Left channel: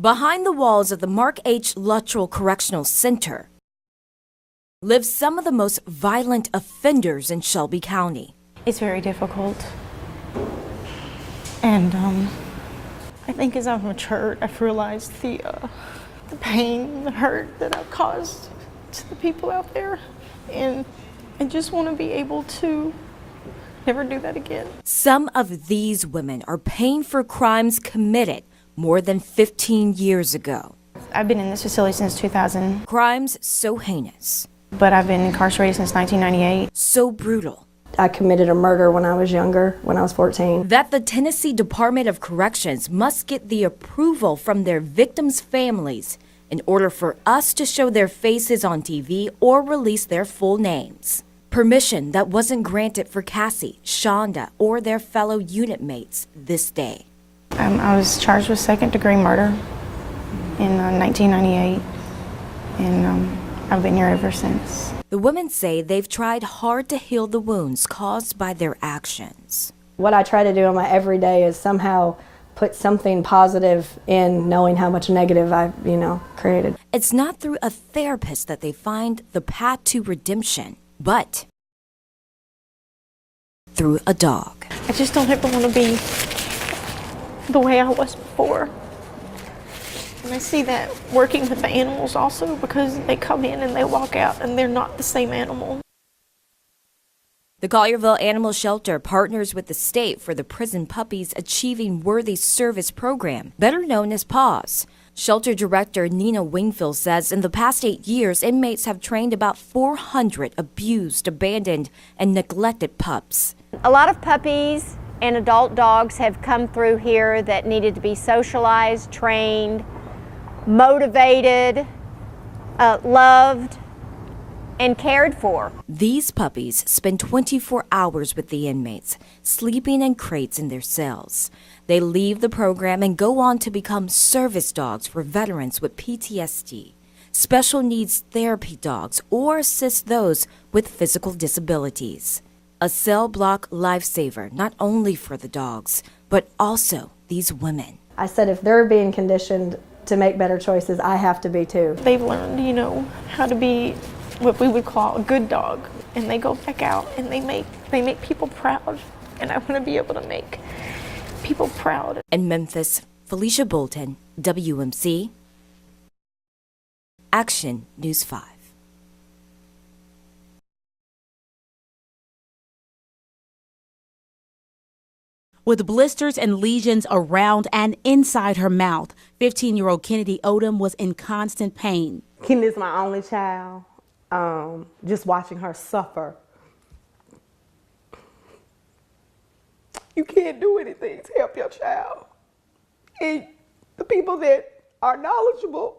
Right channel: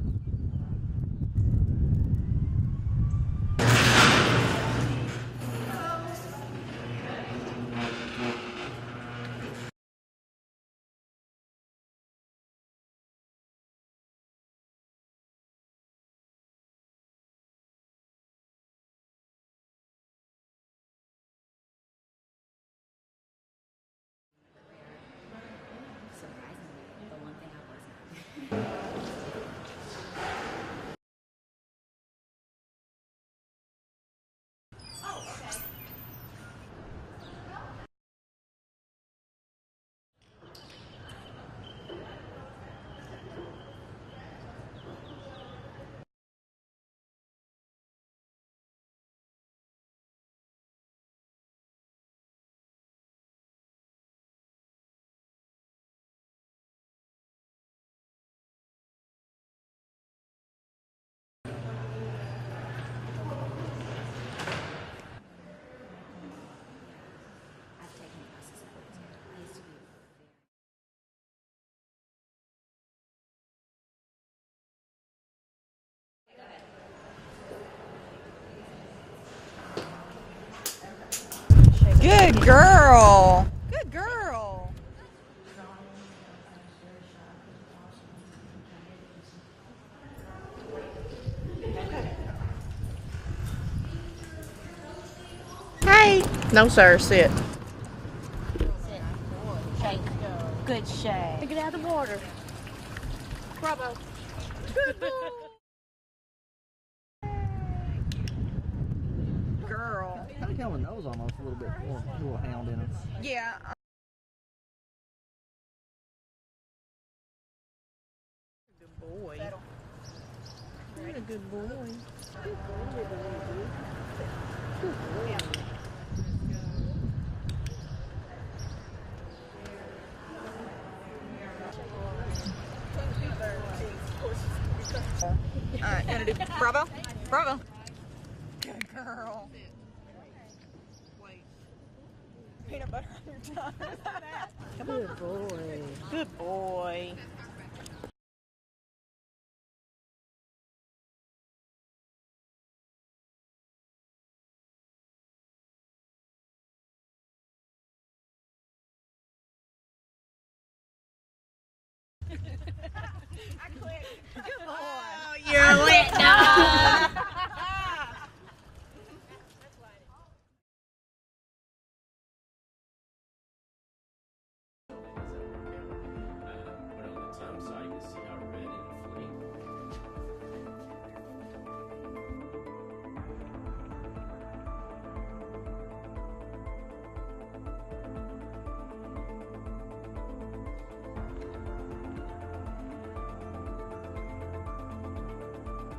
Behind the walls of the Mark H. Luttrell Correctional Center live some of the most violent offenders in Shelby County. It's very difficult. And I think as I've matured, I've realized the pain, the hurt that I've caused to the people out there. And I just want to be able to never do that again. Some of these women are paying for crimes committed more than 15 years ago. I've been in this facility since 2000. Crimes so heinous. But I've been incarcerated since 1998. So brutal. I committed a murder when I was younger, when I was 14. That the Tennessee Department of Corrections must get the approval from their victims' families in order for us to show their faces on TV or release their full names. Permission that wasn't granted for Cassie, Shonda, or their fellow unit mates this day. I was charged with second-degree murder in 1998, and I've been here ever since. The women say they've tried hard to heal the wounds caused by their actions. What I try to do in my everyday is somehow put something positive in, knowing how much negative I've, created. It's not through a therapist that they find the path to redemption, but good girl. Through a dog. I just don't ever want to be the way I was before. And I see that working with the animals also, because they come in and they walk out and they're not the same animal. Hey. No, sir, sit. The Collierville Animal Shelter partners with the state for the Prison Puppies Achieving Worthy Service program, better known as PAWS. Shelter Director Nina Wingfield says in the past 8 years, inmates have trained about 400 abused, abandoned, and neglected pups. A lot of puppies and adult dogs have come through here that needed to be socialized, trained, motivated, loved, and cared for. These puppies spend 24 hours with the inmates, sleeping in crates in their cells. They leave the program and go on to become service dogs for veterans with PTSD, special needs therapy dogs, or assist those with physical disabilities. A cell block lifesaver, not only for the dogs, but also these women. I said if they're being conditioned to make better choices, I have to be too. They've learned, how to be what we would call a good dog, and they go back out and they make people proud, and I want to be able to make people proud. In Memphis, Felicia Bolton, WMC, Action News 5. With blisters and lesions around and inside her mouth, 15-year-old Kennedy Odom was in constant pain. Kennedy is my only child. Just watching her suffer. You can't do anything to help your child. And the people that are knowledgeable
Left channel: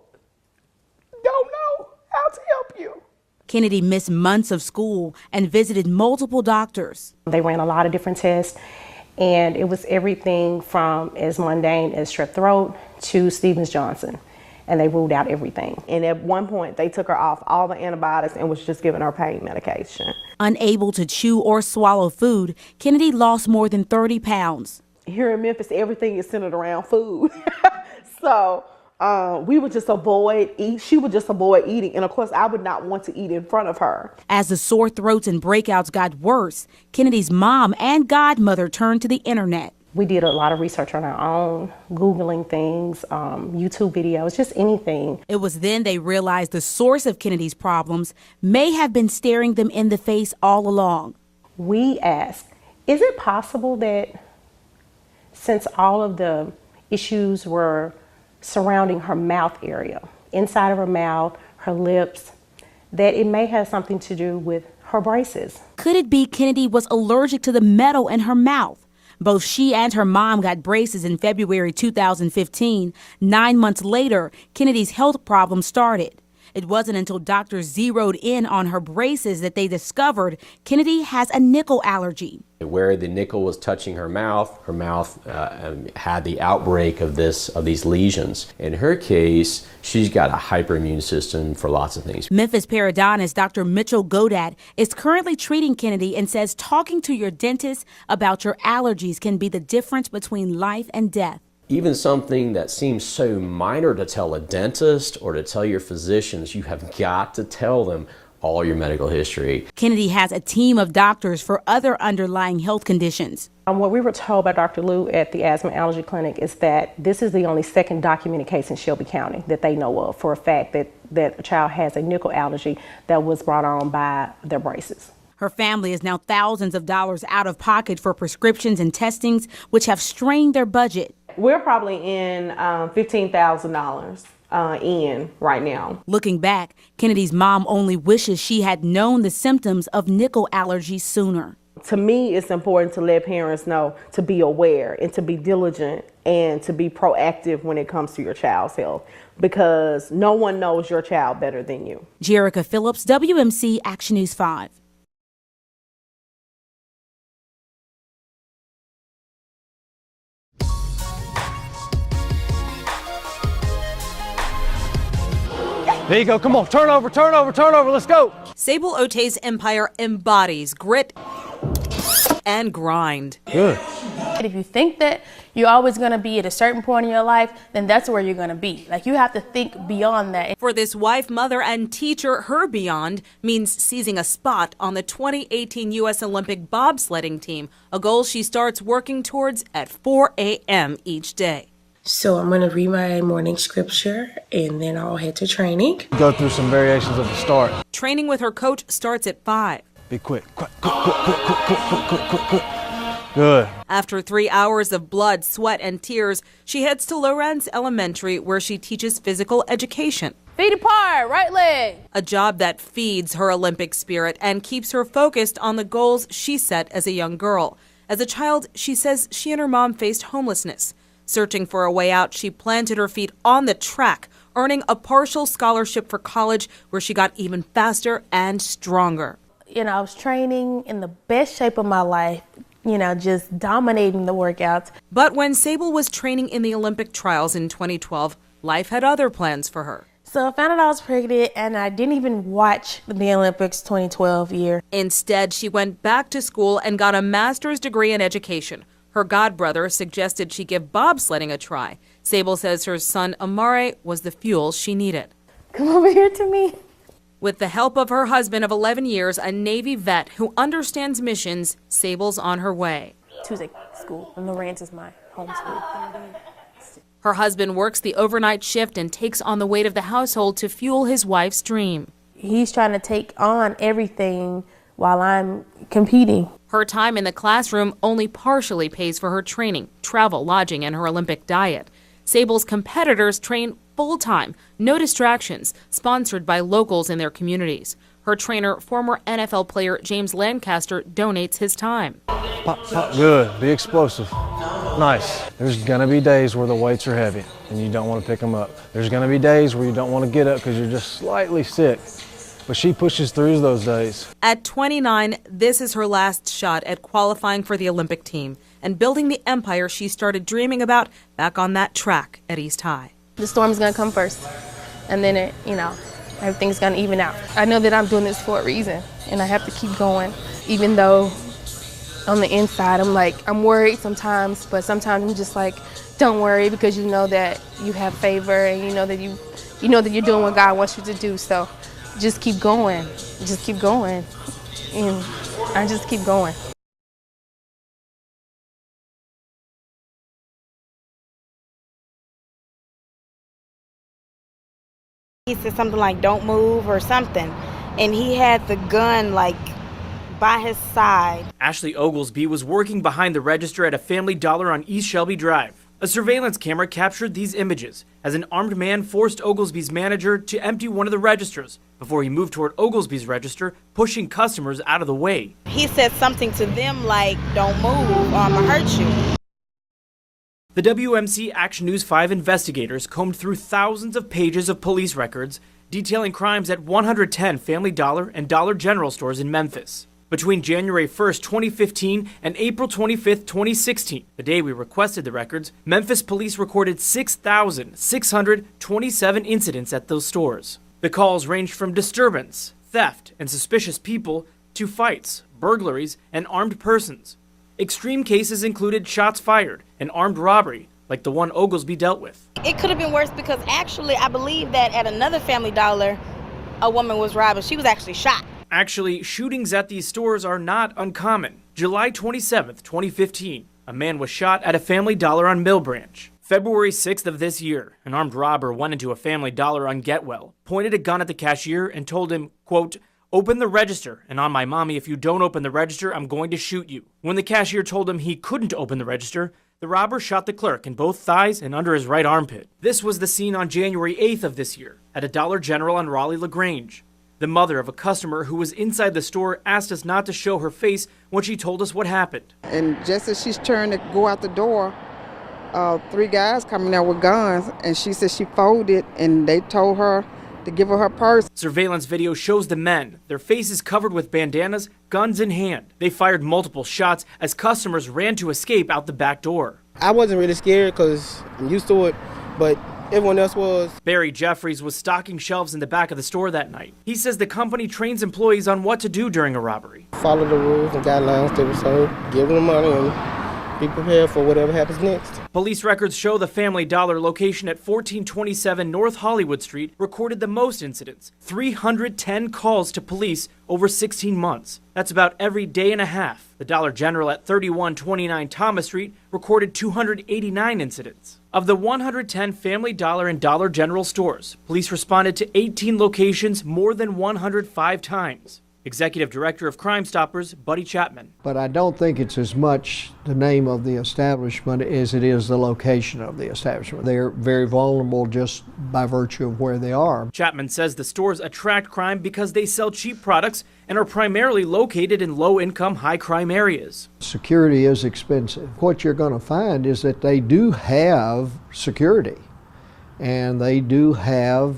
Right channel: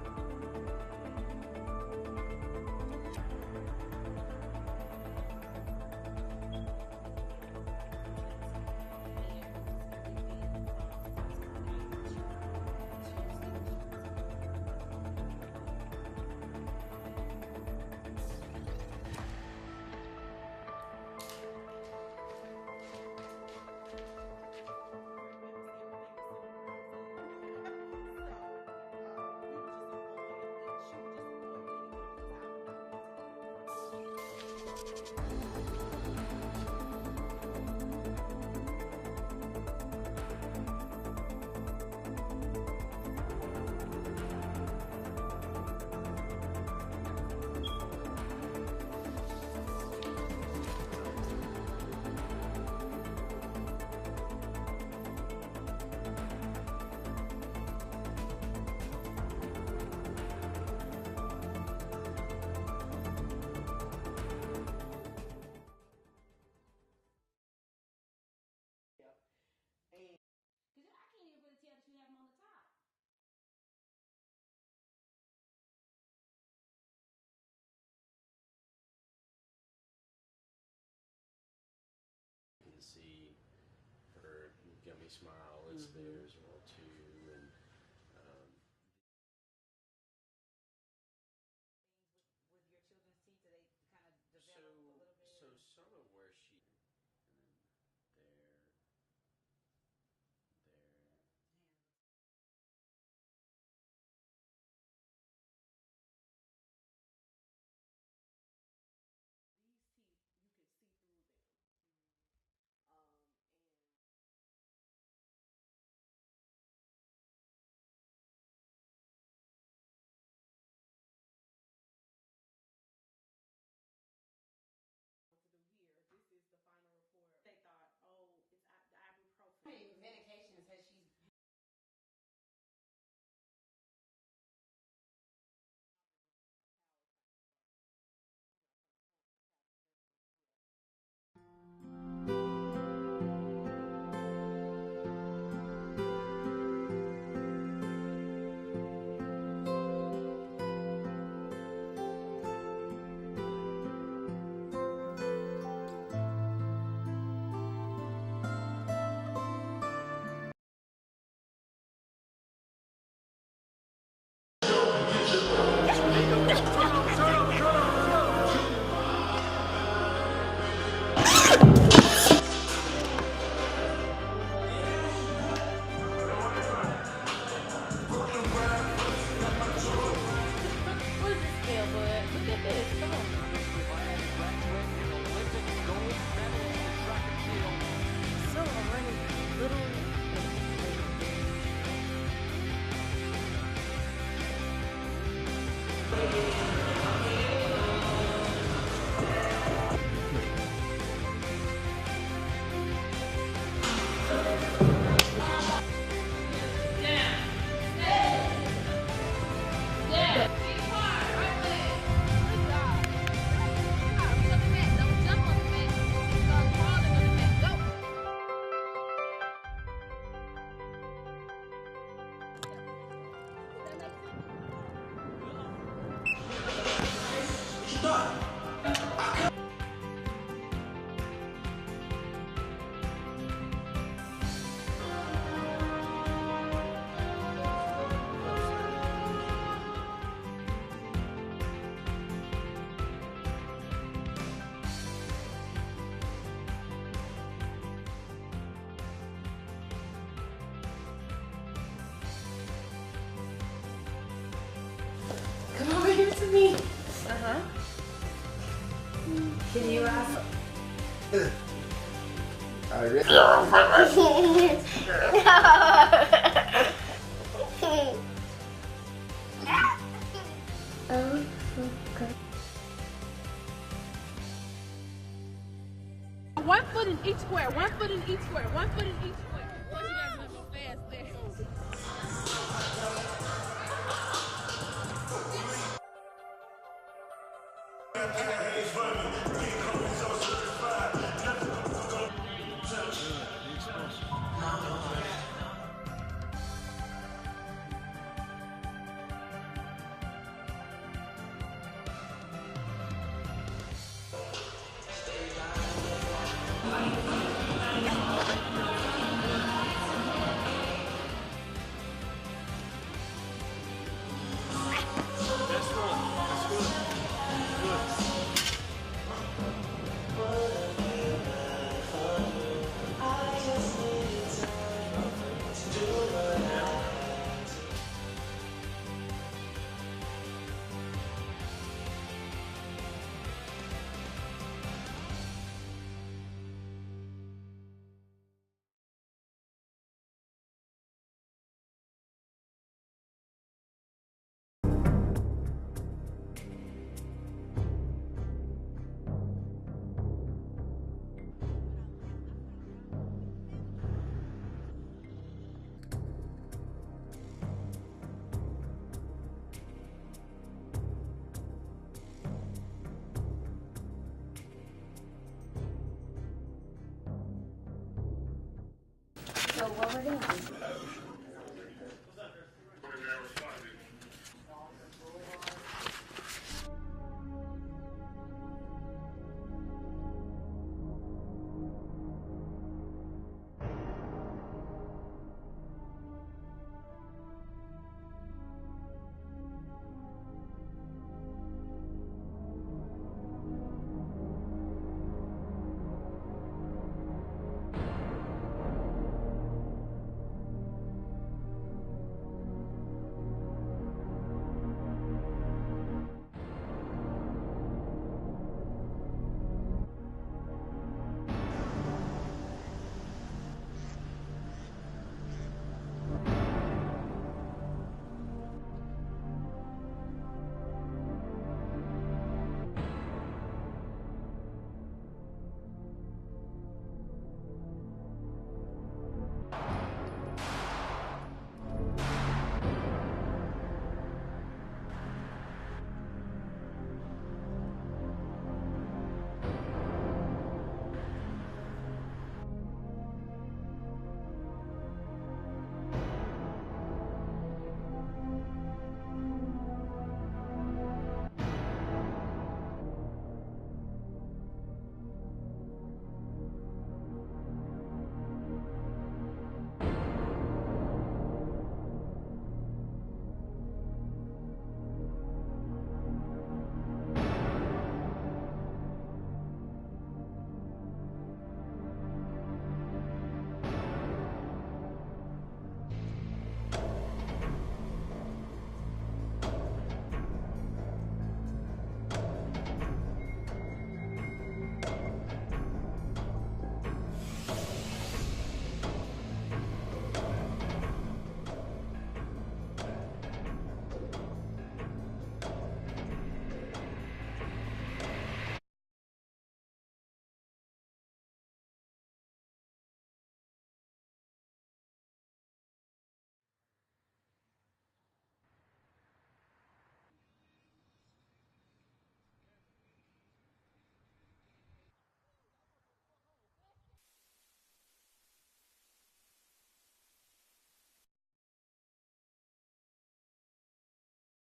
don't know how to help you. Kennedy missed months of school and visited multiple doctors. They ran a lot of different tests, and it was everything from as mundane as strep throat to Stevens-Johnson, and they ruled out everything. And at one point, they took her off all the antibiotics and was just giving her pain medication. Unable to chew or swallow food, Kennedy lost more than 30 pounds. Here in Memphis, everything is centered around food. So we would just avoid eat. She would just avoid eating. And of course, I would not want to eat in front of her. As the sore throats and breakouts got worse, Kennedy's mom and godmother turned to the internet. We did a lot of research on our own, Googling things, YouTube videos, just anything. It was then they realized the source of Kennedy's problems may have been staring them in the face all along. We asked, is it possible that since all of the issues were surrounding her mouth area, inside of her mouth, her lips, that it may have something to do with her braces? Could it be Kennedy was allergic to the metal in her mouth? Both she and her mom got braces in February 2015. 9 months later, Kennedy's health problems started. It wasn't until doctors zeroed in on her braces that they discovered Kennedy has a nickel allergy. Where the nickel was touching her mouth had the outbreak of these lesions. In her case, she's got a hyperimmune system for lots of things. Memphis periodontist Dr. Mitchell Godat is currently treating Kennedy and says talking to your dentist about your allergies can be the difference between life and death. Even something that seems so minor to tell a dentist or to tell your physicians, you have got to tell them all your medical history. Kennedy has a team of doctors for other underlying health conditions. What we were told by Dr. Liu at the Asthma Allergy Clinic is that this is the only second documented case in Shelby County that they know of for a fact that a child has a nickel allergy that was brought on by their braces. Her family is now thousands of dollars out of pocket for prescriptions and testings, which have strained their budget. We're probably in $15,000 in right now. Looking back, Kennedy's mom only wishes she had known the symptoms of nickel allergy sooner. To me, it's important to let parents know to be aware and to be diligent and to be proactive when it comes to your child's health, because no one knows your child better than you. Jerica Phillips, WMC Action News 5. There you go, come on, turn over, let's go. Sable Ote's empire embodies grit and grind. Good. If you think that you're always going to be at a certain point in your life, then that's where you're going to be. Like, you have to think beyond that. For this wife, mother, and teacher, her beyond means seizing a spot on the 2018 U.S. Olympic bobsledding team, a goal she starts working towards at 4 a.m. each day. So I'm going to read my morning scripture, and then I'll head to training. Go through some variations of the start. Training with her coach starts at 5. Be quick. Good. After 3 hours of blood, sweat, and tears, she heads to Lorenz Elementary, where she teaches physical education. Feet apart, right leg. A job that feeds her Olympic spirit and keeps her focused on the goals she set as a young girl. As a child, she says she and her mom faced homelessness. Searching for a way out, she planted her feet on the track, earning a partial scholarship for college, where she got even faster and stronger. You know, I was training in the best shape of my life, you know, just dominating the workouts. But when Sable was training in the Olympic trials in 2012, life had other plans for her. So I found out I was pregnant, and I didn't even watch the Olympics 2012 year. Instead, she went back to school and got a master's degree in education. Her godbrother suggested she give bobsledding a try. Sable says her son Amare was the fuel she needed. Come over here to me. With the help of her husband of 11 years, a Navy vet who understands missions, Sable's on her way. Her husband works the overnight shift and takes on the weight of the household to fuel his wife's dream. He's trying to take on everything while I'm competing. Her time in the classroom only partially pays for her training, travel, lodging, and her Olympic diet. Sable's competitors train full-time, no distractions, sponsored by locals in their communities. Her trainer, former NFL player James Lancaster, donates his time. Pop, pop. Good, be explosive. Nice. There's gonna be days where the weights are heavy and you don't want to pick them up. There's gonna be days where you don't want to get up because you're just slightly sick. But she pushes through those days. At 29, this is her last shot at qualifying for the Olympic team and building the empire she started dreaming about back on that track at East High. The storm's gonna come first, and then everything's gonna even out. I know that I'm doing this for a reason, and I have to keep going, even though on the inside I'm worried sometimes, but sometimes I'm just like, don't worry, because you know that you have favor, and you know that you're doing what God wants you to do. So just keep going, and I just keep going. He said something like, don't move or something, and he had the gun by his side. Ashley Oglesby was working behind the register at a Family Dollar on East Shelby Drive. A surveillance camera captured these images as an armed man forced Oglesby's manager to empty one of the registers before he moved toward Oglesby's register, pushing customers out of the way. He said something to them like, don't move or I'm gonna hurt you. The WMC Action News 5 investigators combed through thousands of pages of police records detailing crimes at 110 Family Dollar and Dollar General stores in Memphis. Between January 1st, 2015 and April 25th, 2016, the day we requested the records, Memphis police recorded 6,627 incidents at those stores. The calls ranged from disturbance, theft, and suspicious people to fights, burglaries, and armed persons. Extreme cases included shots fired, an armed robbery, like the one Oglesby dealt with. It could have been worse because actually I believe that at another Family Dollar, a woman was robbed and she was actually shot. Actually, shootings at these stores are not uncommon. July 27th, 2015, a man was shot at a Family Dollar on Mill Branch. February 6th of this year, an armed robber went into a Family Dollar on Getwell, pointed a gun at the cashier and told him, quote, "Open the register, and on my mommy, if you don't open the register, I'm going to shoot you." When the cashier told him he couldn't open the register, the robber shot the clerk in both thighs and under his right armpit. This was the scene on January 8th of this year at a Dollar General on Raleigh-LaGrange. The mother of a customer who was inside the store asked us not to show her face when she told us what happened. And just as she's turned to go out the door, 3 guys coming out with guns, and she said she folded, and they told her to give her her purse. Surveillance video shows the men, their faces covered with bandanas, guns in hand. They fired multiple shots as customers ran to escape out the back door. I wasn't really scared because I'm used to it, but everyone else was. Barry Jeffries was stocking shelves in the back of the store that night. He says the company trains employees on what to do during a robbery. Follow the rules and guidelines they were told, give them the money, and be prepared for whatever happens next. Police records show the Family Dollar location at 1427 North Hollywood Street recorded the most incidents, 310 calls to police over 16 months. That's about every day and a half. The Dollar General at 3129 Thomas Street recorded 289 incidents. Of the 110 Family Dollar and Dollar General stores, police responded to 18 locations more than 105 times. Executive Director of Crime Stoppers, Buddy Chapman. But I don't think it's as much the name of the establishment as it is the location of the establishment. They're very vulnerable just by virtue of where they are. Chapman says the stores attract crime because they sell cheap products and are primarily located in low-income, high-crime areas. Security is expensive. What you're going to find is that they do have security, and they do have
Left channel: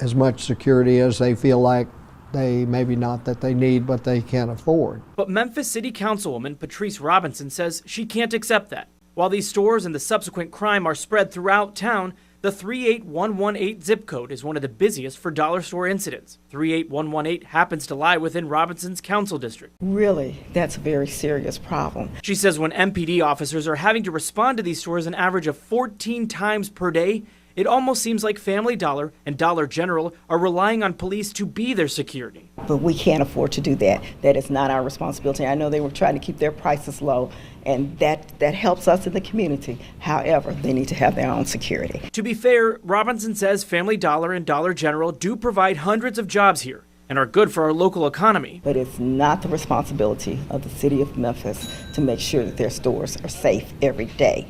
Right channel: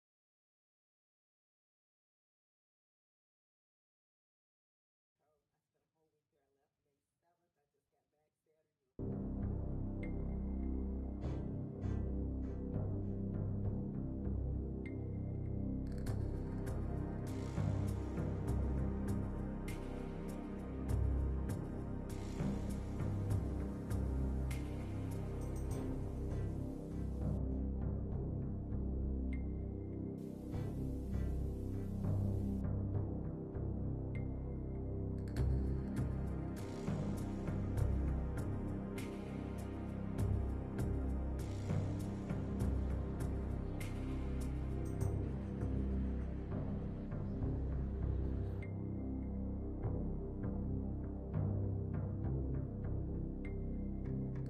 as much security as they feel like they maybe not that they need, but they can't afford. But Memphis City Councilwoman Patrice Robinson says she can't accept that. While these stores and the subsequent crime are spread throughout town, the 38118 zip code is one of the busiest for dollar store incidents. 38118 happens to lie within Robinson's council district. Really, that's a very serious problem. She says when MPD officers are having to respond to these stores an average of 14 times per day, it almost seems like Family Dollar and Dollar General are relying on police to be their security. But we can't afford to do that. That is not our responsibility. I know they were trying to keep their prices low, and that helps us in the community. However, they need to have their own security. To be fair, Robinson says Family Dollar and Dollar General do provide hundreds of jobs here and are good for our local economy. But it's not the responsibility of the city of Memphis to make sure that their stores are safe every day.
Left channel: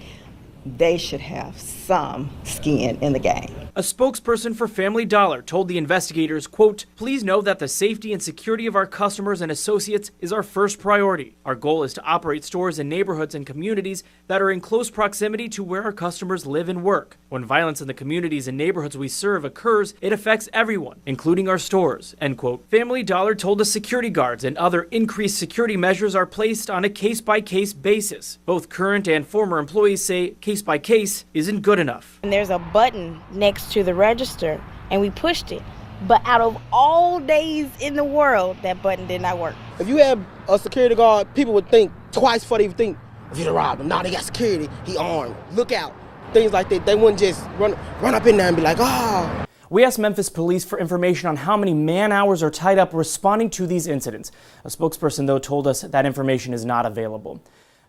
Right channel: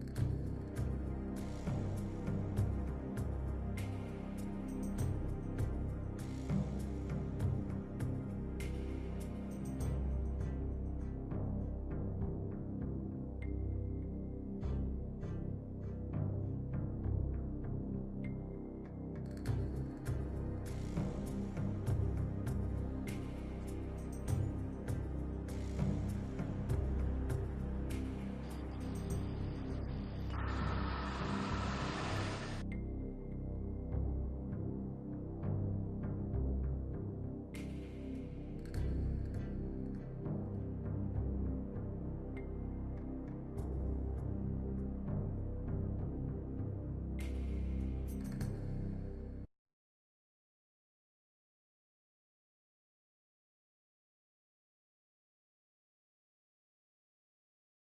They should have some skin in the game. A spokesperson for Family Dollar told the investigators, quote, "Please know that the safety and security of our customers and associates is our first priority. Our goal is to operate stores in neighborhoods and communities that are in close proximity to where our customers live and work. When violence in the communities and neighborhoods we serve occurs, it affects everyone, including our stores," end quote. Family Dollar told us security guards and other increased security measures are placed on a case-by-case basis. Both current and former employees say case-by-case isn't good enough. And there's a button next to the register, and we pushed it. But out of all days in the world, that button did not work. If you have a security guard, people would think twice before they would think, if you're a robber, nah, they got security, he armed, look out. Things like that, they wouldn't just run up in there and be like, ah. We asked Memphis police for information on how many man-hours are tied up responding to these incidents. A spokesperson, though, told us that information is not available.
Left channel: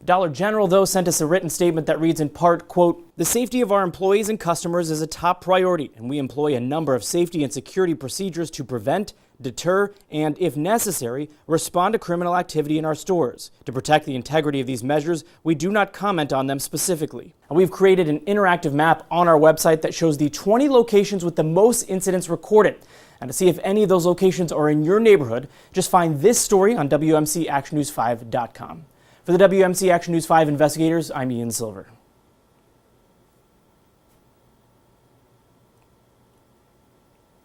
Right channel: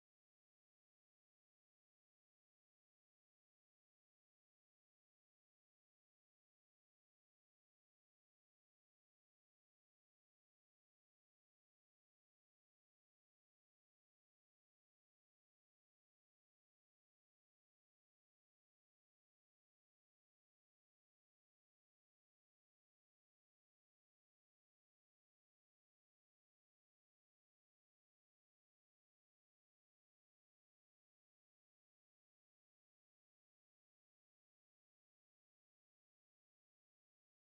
Dollar General, though, sent us a written statement that reads in part, quote, "The safety of our employees and customers is a top priority, and we employ a number of safety and security procedures to prevent, deter, and, if necessary, respond to criminal activity in our stores. To protect the integrity of these measures, we do not comment on them specifically." And we've created an interactive map on our website that shows the 20 locations with the most incidents recorded. And to see if any of those locations are in your neighborhood, just find this story on WMCActionNews5.com. For the WMC Action News 5 investigators, I'm Ian Silver.